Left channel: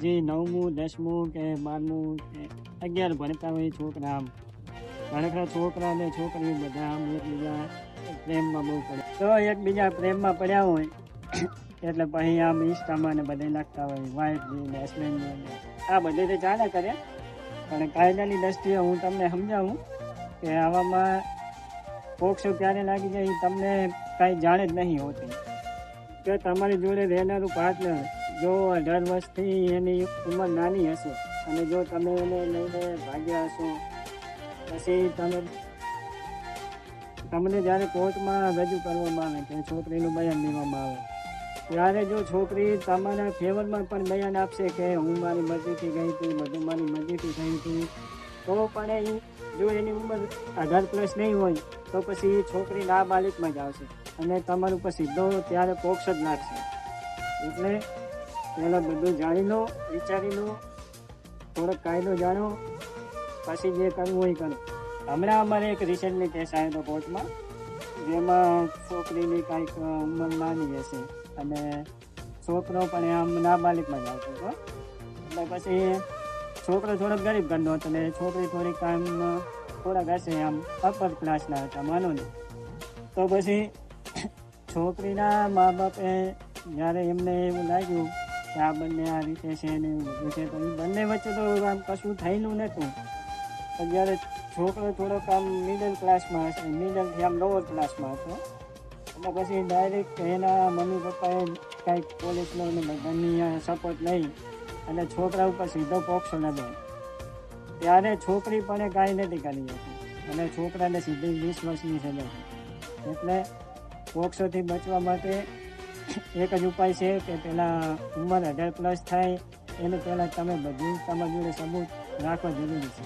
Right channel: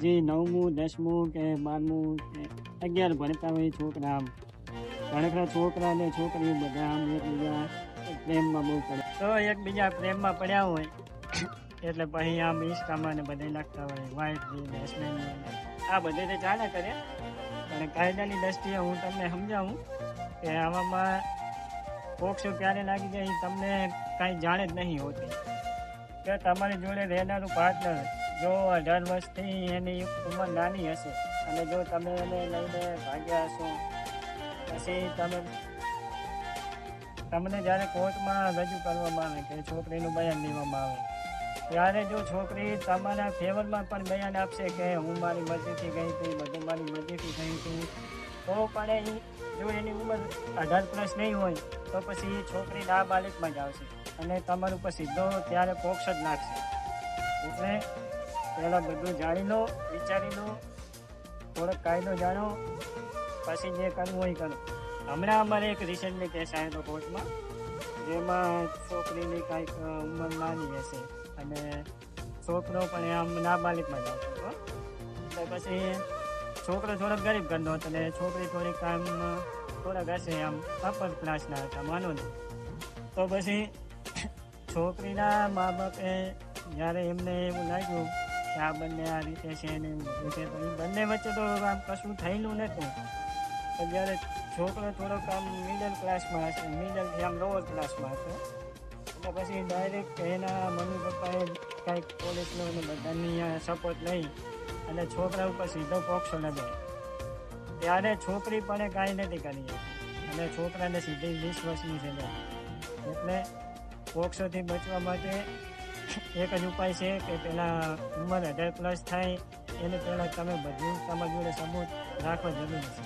જે 9મું 10મું કે 12મું કે 11 ભણતા હોય છોકરા, આમ ઘણા છોકરા અને છોકરીઓ બધા આમ એકબીજા પ્રેમમાં બહુ પડે, તો એકબીજા પ્રેમમાં પડ્યા હોય એટલે પછી આમ ઇન્સ્ટામાં ને બધે નાખતા હોય વાઇફ ને હસબન્ડ ને, આ બધે તો ચાલે કરે. પણ કાયદાની દ્રષ્ટિએ હું તમને સમજાવું કે આવામાં પોક્સો ક્યારે લાગી જાય એ તમને કાંઈ જાણે જ નહીં હોતી. કે તમારી જોડે રહેનારું પાર્ટનર જો 18 વર્ષથી એની ઉંમર નાની હશે અને જો તમે એને લઈને ભાગ્યા હશો, પછી તમને જ્યારે કોર્ટમાં રજૂ કરવામાં આવે કે છોકરીનું બયાન લેવામાં આવે, ત્યારે જો છોકરી તમારા ફેવરમાં પણ બયાન આપશે કે હું મારી મરજીથી ગઈ હતી, બધું મારી મરજીથી થઈ હતી, તો પણ જો એની ઉંમર 18+ નહીં હોય તો પછી છોકરી નાબાલિગમાં જ આવશે અને તમારું ઉપર સીધો ત્યારે પોક્સ જ નાખશે. એટલે પહેલાં બધું જાણી લો, વિચારી લો, થોડોક કાયદો જાણો, પછી જે કરવું હોય કરો. હમણાં અમારે એક રિસેન્ટલી કેસ આવ્યો હતો કોર્ટમાં, જેમાં છોકરીની કાંઈક ઉંમર નાની હશે અને છોકરો પણ આમ નાબાલિગમાં જ આવતો હતો. એટલે પછી છોકરો થોડોક ગરીબ ઘરનો હતો અને છોકરી થોડીક આમ થોડાક હશે આમ અપર ક્લાસના હતા માનો ને. તો પછી છોકરીના મા બાપે જ્યારે એમને એવું લાગ્યું કે આ બંને આ રીતે છે ને એવું બધું છે, તો એ બંને વચ્ચે તો આમ કશું થયેલું નહોતું. પણ જ્યારે છોકરો થોડોક આમ મિડલ ક્લાસમાં હશે, મિડલથી આમ લોઅર ક્લાસમાં હતો, એટલે પછી ડાયરેક્ટ એના મમ્મી પપ્પાએ કાંઈક પોલીસનો અને બધાની સપોર્ટ લઈ અને છોકરા ઉપર સીધો પોક્સો લગાવ્યો. ત્યારે છોકરી પણ કાંઈ નથી કરી હતી અને છોકરાને સીધી 20 વર્ષની સજા. એટલે પોક્સોથી બચવા માટે એક જ ઉપાય છે કે પહેલાં ઉંમર 18+ થાય એને પહેલાં તમે બધું તમારી જોડે સબૂત રાખવા જરૂરી છે.